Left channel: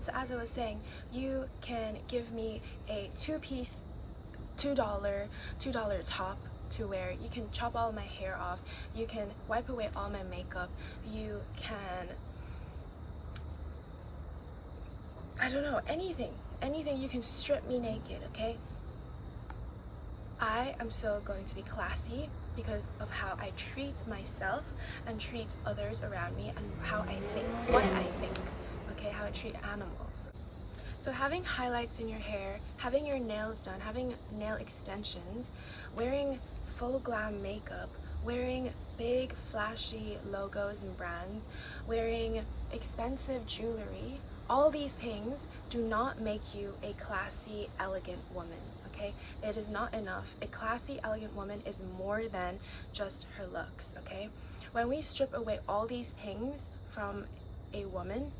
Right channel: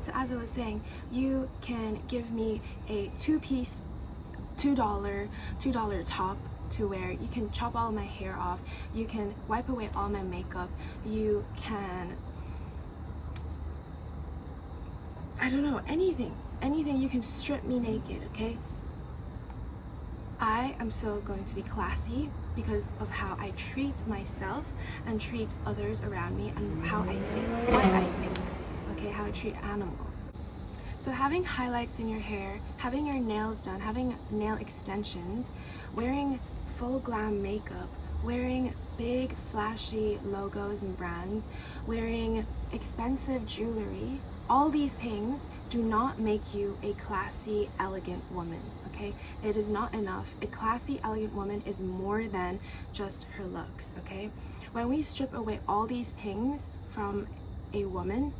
So as I was saying, you can give me a two-piece $2 top to wear. You can chop all my hair off, you can wipe away all my makeup, you can, I don't know, anything, you can strip me naked, okay? I am still going to be classy because of how I treat myself and treat others around me, and how I think, what I think, okay, how I treat animals. So having highlights in your hair, having your nails done, having nail extensions, wearing full glam makeup, wearing big flashy logos and brands, wearing expensive jewelry, all these things do not make you a classy, elegant woman, okay? It is not enough. A classy, elegant woman is more than just her looks, okay? When we strip away all these things from a woman,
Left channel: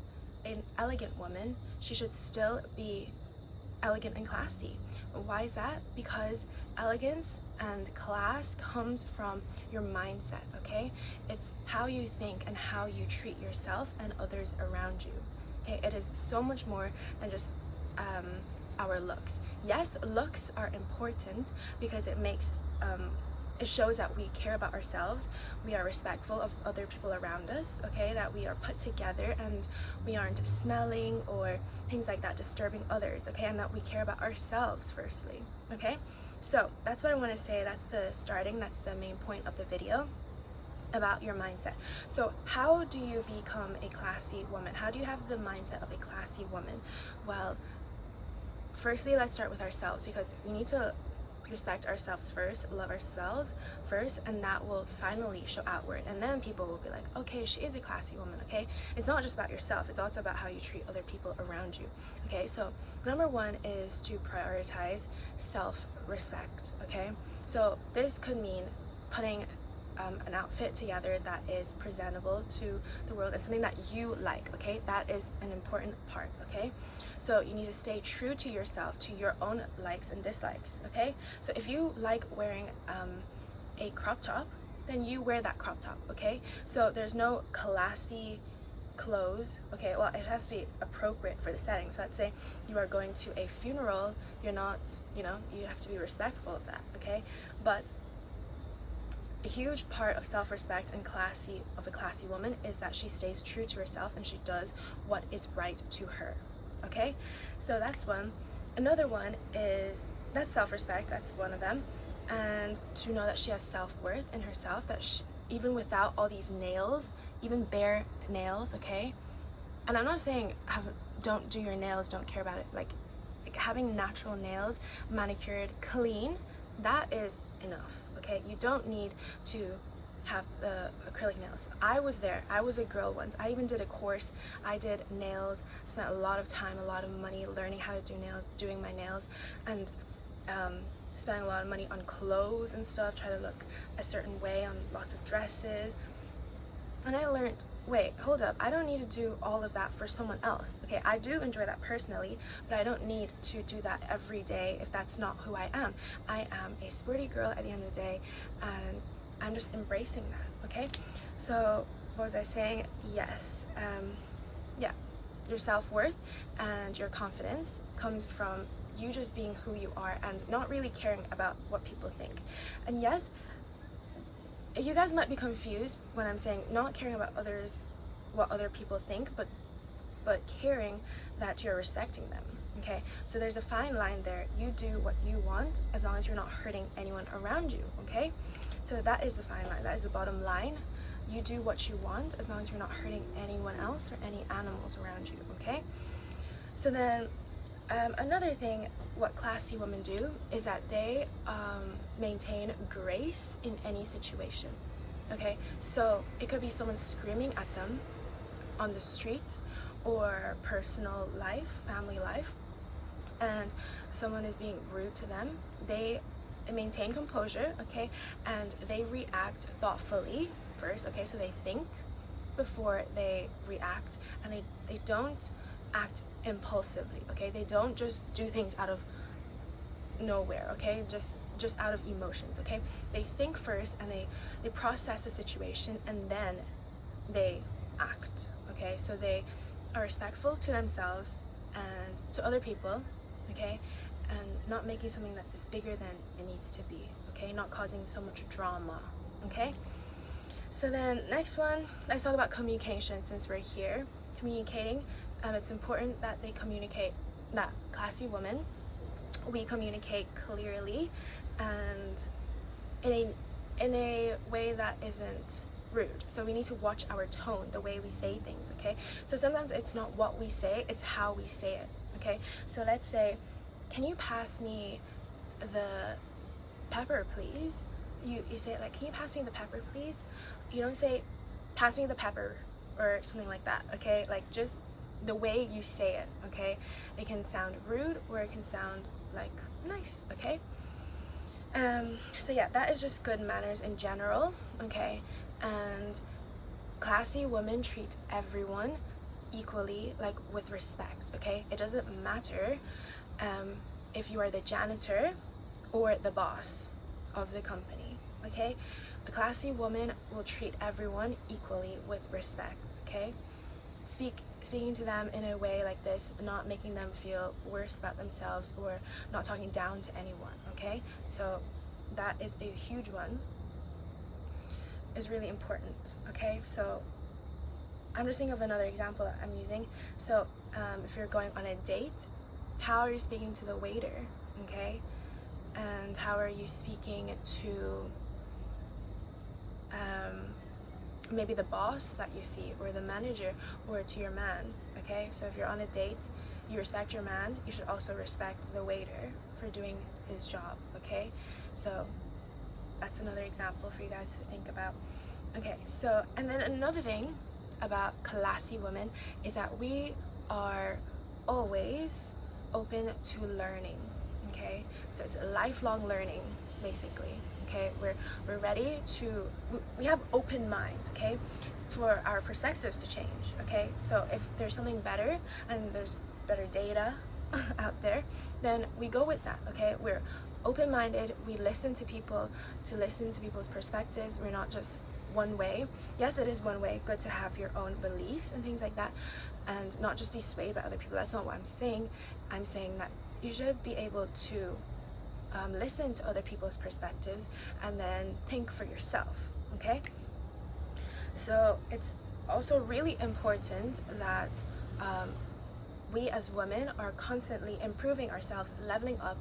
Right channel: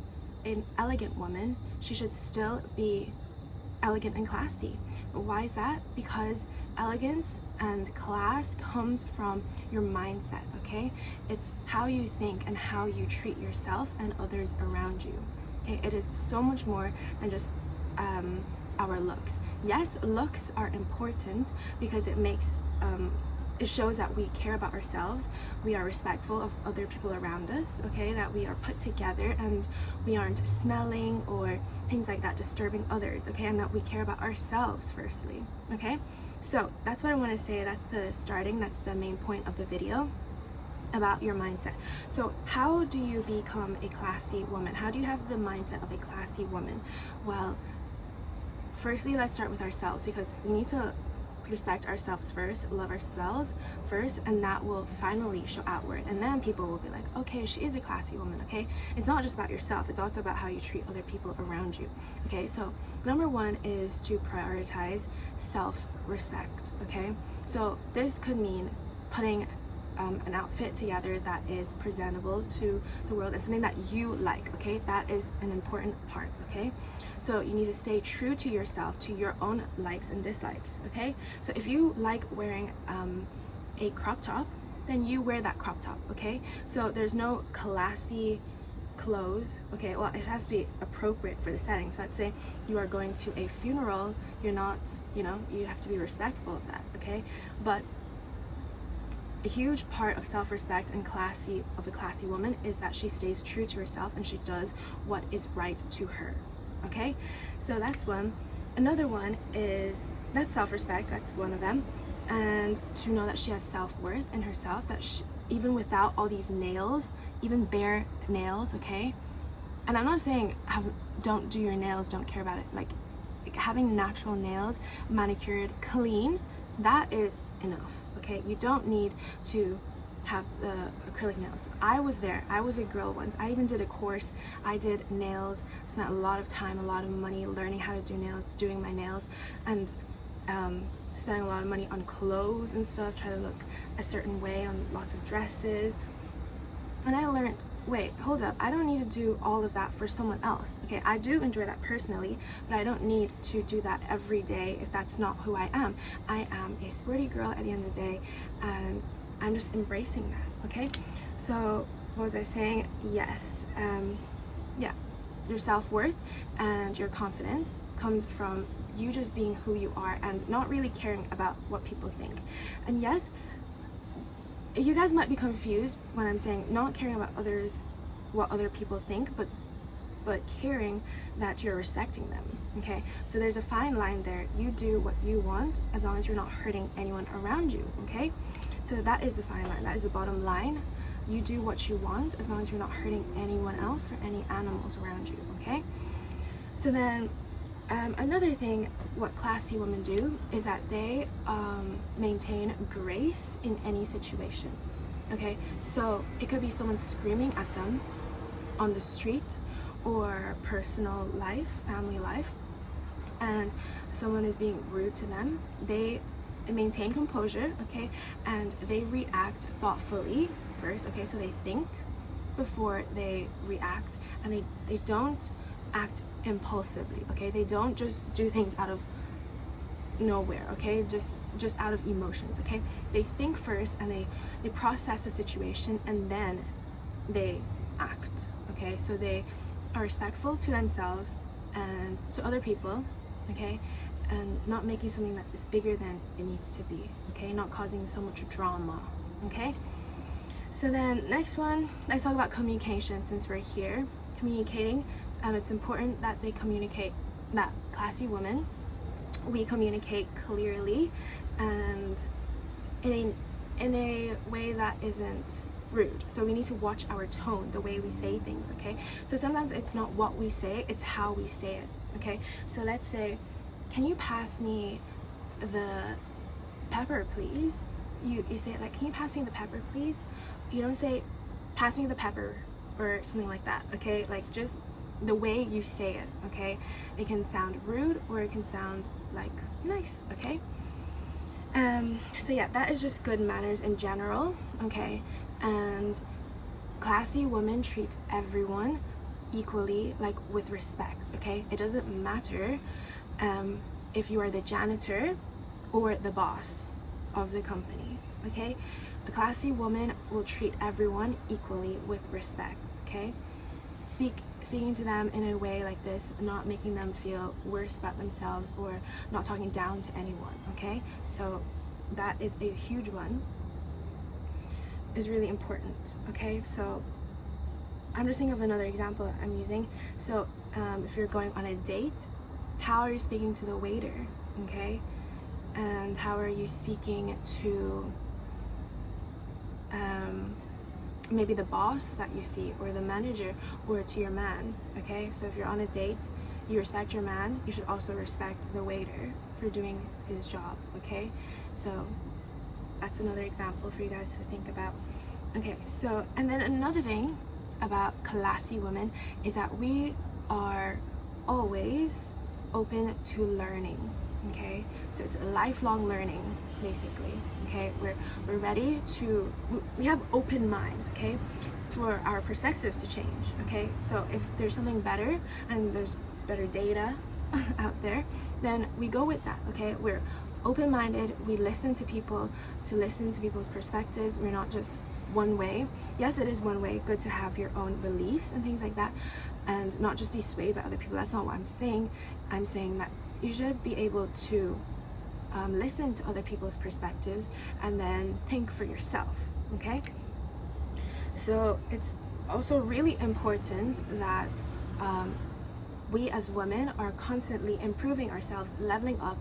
an elegant woman, she should still be elegant and classy. Why is that? Because elegance and class comes from your mindset, okay? It's how you think and how you treat yourself and others around you. Okay, it is so much more than just our looks. Yes, looks are important because it makes it shows that we care about ourselves, we are respectful of other people around us, okay, that we are put together and we aren't smelling or things like that disturbing others, okay, and that we care about ourselves firstly, okay? So that's what I want to say. That's the main point of the video about your mindset. So how do you become a classy woman? How do you have the mindset of a classy woman? Well, firstly, let's start with ourselves, because we need to respect ourselves first, love ourselves first, and that will finally show outward, and then people will be like, okay, she is a classy woman, okay? It's not just about yourself, it's also about how you treat other people around you, okay? So number one is to prioritize self-respect, okay? So this could mean putting an outfit together that is presentable to the world and something that you like, okay? That is an important part, okay? So you need to stay true to yourself, to your own likes and dislikes, okay? So if you like wearing a crop top, then you wear that crop top, okay? So there's no classy clothes, okay? Well, it has to be appropriate for the setting. So let's say you are going to a funeral, you're not, you know, you have to be respectful of that, okay? But a huge part of self-respect and of a classy woman is that she stays true to herself and she does what is right to her, okay? So that's one. Another one is, that's self-respect, that's one of them, and to know that she has self-worth in herself, that she, even without all these nails, even bare nails, okay? And I'm not saying don't do your nails, don't care about it, like having natural nails, manicured, clean, that is enough, okay? You don't need to have the acrylic nails. I was there, I was a girl once, I even did a course, I did nails, spent a lot of time, a lot of money learning how to do nails, doing my nails, and spending a lot of money on clothes and stuff, try to look a certain way on lots of dresses, and I learned, wait, hold up, I don't need to do all of that for someone else, okay? I do enjoy that personally, but I don't need to do that every day if that's not who I am. I am a sporty girl at the end of the day, and I'm just embracing that, okay? So what was I saying? Yes, yeah, your self-worth and your confidence comes from you just being who you are and not really caring about what people think. And yes, you guys might be confused when I'm saying not caring about others, what other people think, but caring that you're respecting them, okay? So there's a fine line there. You do what you want as long as you're not hurting anyone around you, okay? So that is the fine line, that is the bottom line. You do what you want as long as you're not hurting anyone else or any animals around you, okay? So then another thing, what classy women do is that they maintain grace in any situation, okay? So it could be someone screaming at them on the street or personal life, family life, and someone is being rude to them. They maintain composure, okay? And they react thoughtfully first, okay? So they think before they react, and they don't act impulsively, okay? They don't just do things out of nowhere, okay? Just out of emotions, okay? They think first and they process the situation and then they act, okay? So they are respectful to themselves, and to other people, okay, and not making something that is bigger than it needs to be, okay, not causing so much drama, okay. So then next one, let's talk about communication. Since we're here communicating, it's important that they communicate, that classy women, we communicate clearly and in a way that isn't rude. So we need to watch our tone, the way we say things, okay. So sometimes it's not what we say, it's how we say it, okay. So let's say, can you pass me the pepper please? You say it like, can you pass me the pepper please? You don't say pass me the pepper or something like that, okay. Like just the way you say it, okay. It can sound rude or it can sound like nice, okay. So yeah, that is just good manners in general, okay. And classy women treat everyone equally, like with respect, okay. It doesn't matter if you are the janitor or the boss of the company, okay. A classy woman will treat everyone equally with respect, okay. Speaking to them in a way like this, not making them feel worse about themselves or not talking down to anyone, okay. So that is a huge one, is really important, okay. So I'm just thinking of another example that I'm using. So if you're going on a date, how are you speaking to the waiter, okay, and how are you speaking to maybe the boss that you see or the manager or to your man, okay. So if you're on a date, you respect your man, you should also respect the waiter for doing his job, okay. So that's another example for you guys to think about, okay. So and then another thing about classy women is that we are always open to learning, okay. So it's a lifelong learning basically, okay. We're ready to, we have open minds, okay, for our perspectives to change, okay. So if there's something better and there's better data out there, then we go with that, okay. We're open-minded, we listen to people, to listen to people's perspectives. We're not just one way. Yes, it is one way, good to have your own beliefs and things like that and not just be swayed by other people. That's not what I'm saying. I'm saying that you should be able to listen to other people's perspectives and then think for yourself, okay. So it's also really important that we as women are constantly improving ourselves, leveling up.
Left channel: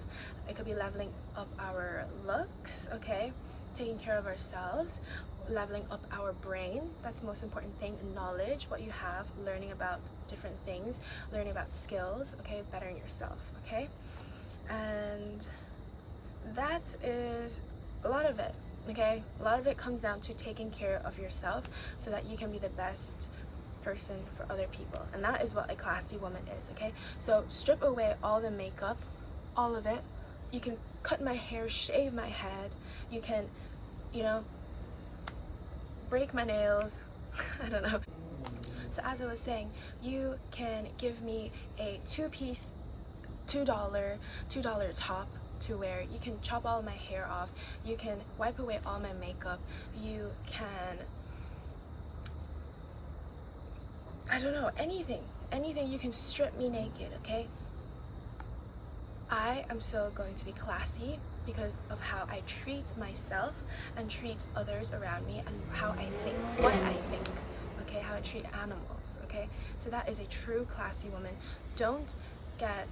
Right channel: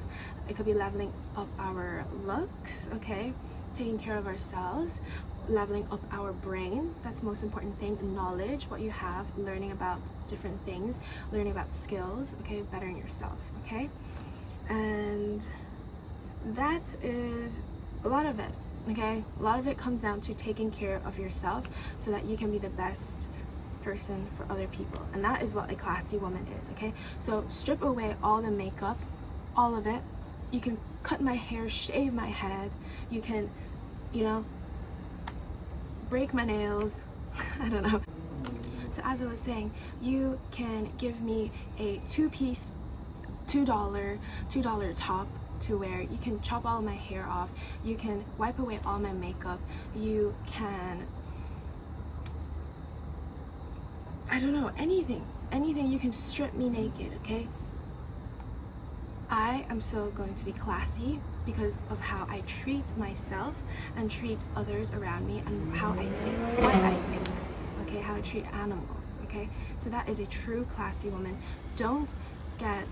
It could be leveling up our looks, okay, taking care of ourselves, leveling up our brain. That's the most important thing. Knowledge, what you have, learning about different things, learning about skills, okay, bettering yourself, okay. And that is a lot of it, okay. A lot of it comes down to taking care of yourself so that you can be the best person for other people, and that is what a classy woman is, okay. So strip away all the makeup, all of it. You can cut my hair, shave my head, you can, you know, break my nails, I don't know. So as I was saying, you can give me a two-piece $2 top to wear. You can chop all my hair off, you can wipe away all my makeup, you can, I don't know, anything, you can strip me naked, okay. I am still going to be classy because of how I treat myself and treat others around me and how I think, what I think, okay, how I treat animals, okay. So that is a true classy woman. Don't get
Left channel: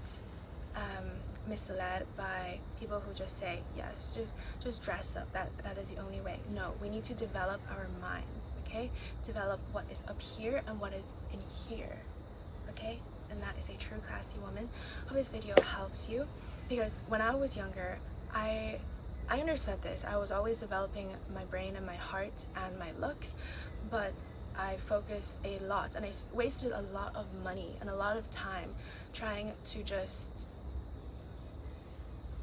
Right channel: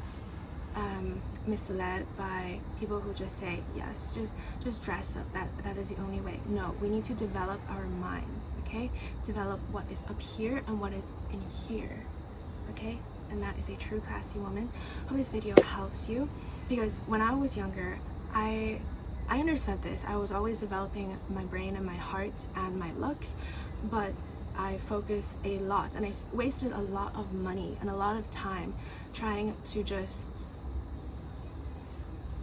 misled by people who just say yes, just dress up, that is the only way. No, we need to develop our minds, okay, develop what is up here and what is in here, okay. And that is a true classy woman. Hope this video helps you, because when I was younger, I understood this. I was always developing my brain and my heart and my looks, but I focused a lot and I wasted a lot of money and a lot of time trying to just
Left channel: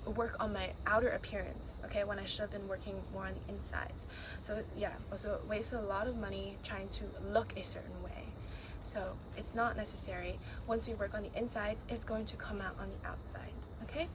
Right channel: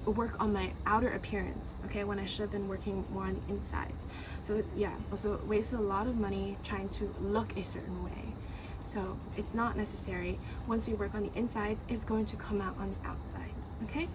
work on my outer appearance, okay, when I should have been working more on the insides. So yeah, also wasted a lot of money trying to look a certain way. So it's not necessary. Once we work on the insides, it's going to come out on the outside, okay.